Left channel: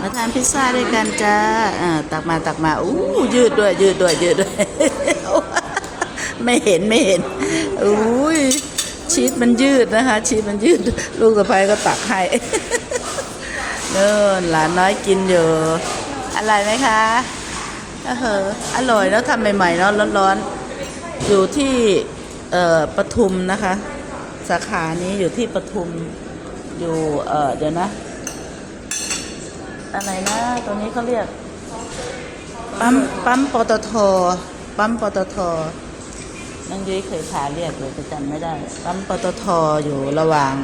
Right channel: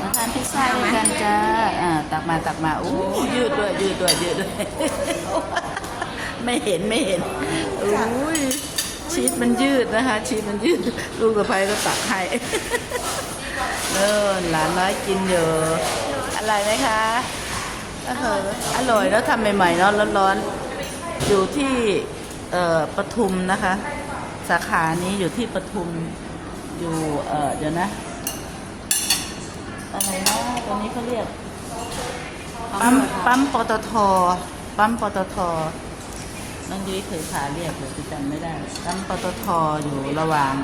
มาทานพิซซ่าด้วยกันจ้าอ่าตักมาตักมาอู้ยืดด้วย ยืดด้วย ยืดด้วย ไม่เห็นไม่เห็นอุ้ยชีสมันยืดนะคะ ชีสมันยืด ลูกสะพ้ายก็ตักให้เนินหลานน้อยกินอยู่อร่อยไหมคะเอออร่อยเนอะทำใหม่ๆเนาะร้อนๆ อยู่ที่เอ่อปทุมนะคะ สาขานี้อยู่ที่ปทุมอยู่เอ่อเดี๋ยวนะ อะไรนะตรงนี้เขาเรียก ปั๊มปั๊มปตท ปั๊มปตทนั่นยุ้ยเคยพาเรียกอยู่แต่จำไม่ได้ ปั๊มปตทอยู่ระหว่าง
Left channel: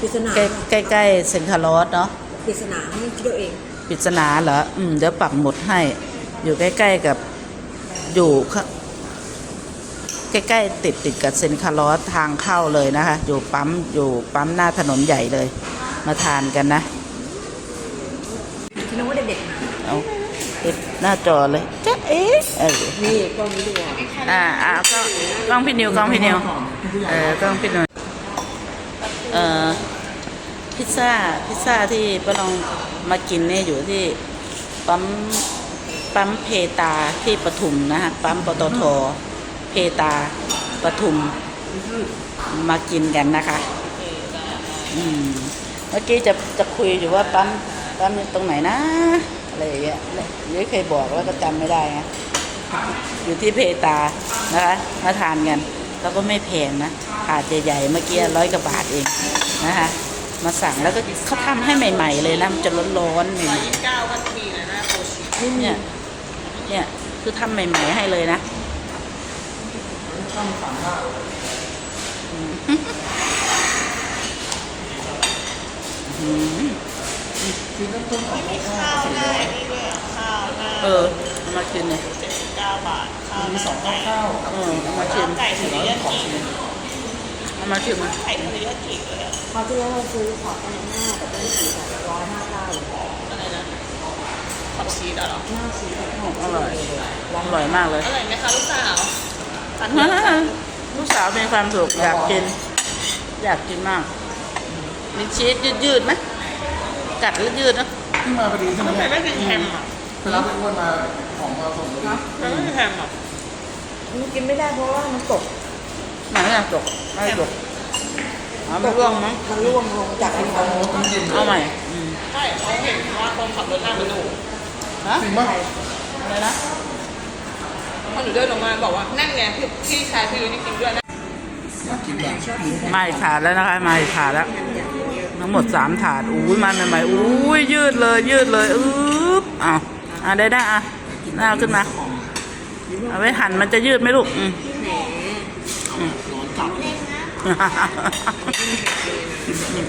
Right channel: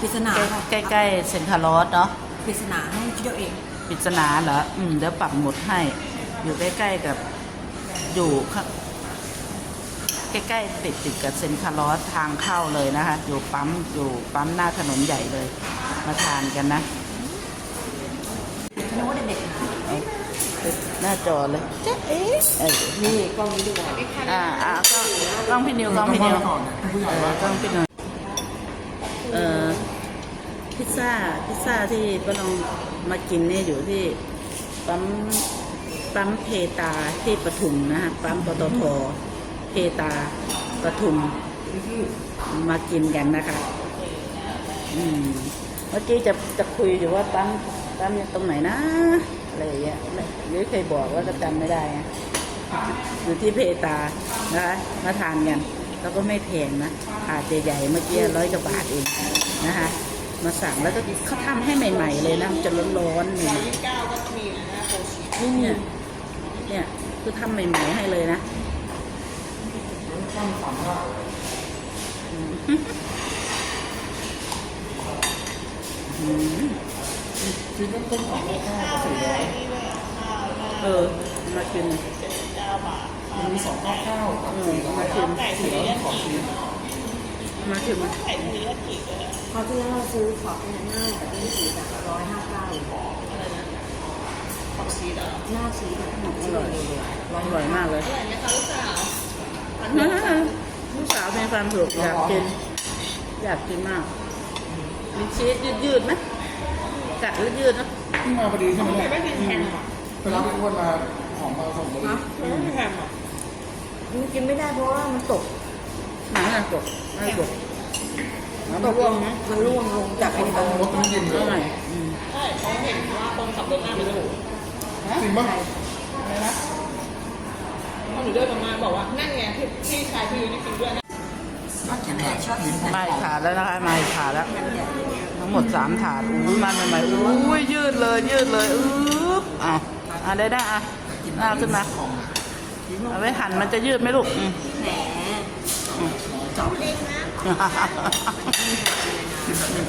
ปริศนาใกล้ใกล้ๆเซนทรัลลอสเนาะปริศนาให้คิดเอาเองปริศนาเหรออืมเดี๋ยวปักหมุดให้ อยู่ใกล้ๆกับอยู่ข้าใกล้ๆติดติดกับเซนคาร์ลอสทางเข้าเลยนะคะ อยู่ปั๊มอยู่ปั๊มหน้าถนนใหญ่เลย มาทานกันนะคิด นึกว่าเด็กๆนะเอาติดหน้าจอเลยจ๊ะเอ๊ะเออนี่กล้องนี้ดีกว่าอ่าอ่ากล้องกล้องพี่นิวกล้องพี่นิวเออกล้องพี่นิวเอ่อพิซซ่าพิซซ่าที่ป้าลองมากินเนี่ยอยู่ที่ปั๊มปั๊มเพตาที่ปทุมนะฮะปั๊มปตทเพตาปทุมมากินกันนะคะ อืม เมื่อกี้จะจะคุยอยู่ว่าปั๊ม ปั๊มตรงไหนนะอะไรอย่างเงี้ยเดี๋ยวเคยบอกแล้วก็จำไม่ได้ไงอยู่ที่เพตานะคะมาทานกันแล้วก็ไม่แพงนะถาดใหญ่ๆเมื่อกี้ร้อยกว่าบาทเองนะคะ มาสั่งแล้วก็เขาทำให้ใหม่ ๆ เลยนะมันจะร้อนๆเนี่ยเนี่ยเนี่ยคือทำใหม่ ๆ ให้เลยนะอืม เออเอามากินเลยมีสองเก้าเก้าอืมเอามาชิมเอามาชิมเขาที่แล้วเราซื้อขออะไรหน้าแต่เป็นสีแบบร้อยห้าเก้าผักชีสเหรอหน้าสีแบบอืมอร่อยอร่อยมากเลยอร่อยไหมคะลูกสาวทานลูกสาวมีความสุขอยากกิน อยากกินมากมีชีสยืดๆไหม กัดแล้วยืดนะที่มาพอดีใช่ไหมแต่ไม่เป็นแฮมอะรับทุกคนมาของมาส่งนะไม่เป็นแฮมอะมันกินไม่ได้เพราะว่ามันตกไหนอะจกไม่จกอ๋อไม่ร่วงมั้งมันร่วงลงจากไอ้ตรงนู้นเอาใหม่อืมใช่เขาเห็นว่าคนขับรถได้มาดูฮะจริงป่ะอะไรนะคนอยู่เดินลงมาบอกว่านั่นไงพี่พี่ชายพี่ยูนี่กินด้วยนะชอบกินมาอีกถาดแล้วนะคะมาอีกถาดแล้ว ทั้งหมดสามถาดอุ้ยมันใหม่ๆอุ้ยยืดเลยยืดเลยอึ๊บเอาอะได้ได้อะเอาขึ้นมาเอาไว้หั่นมันจะยืดไหมลูกอืมแหม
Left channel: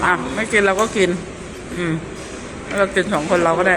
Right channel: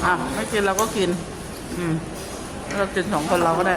อะไม่กินเราก็กิน อืมเรากินสองคนเราก็ได้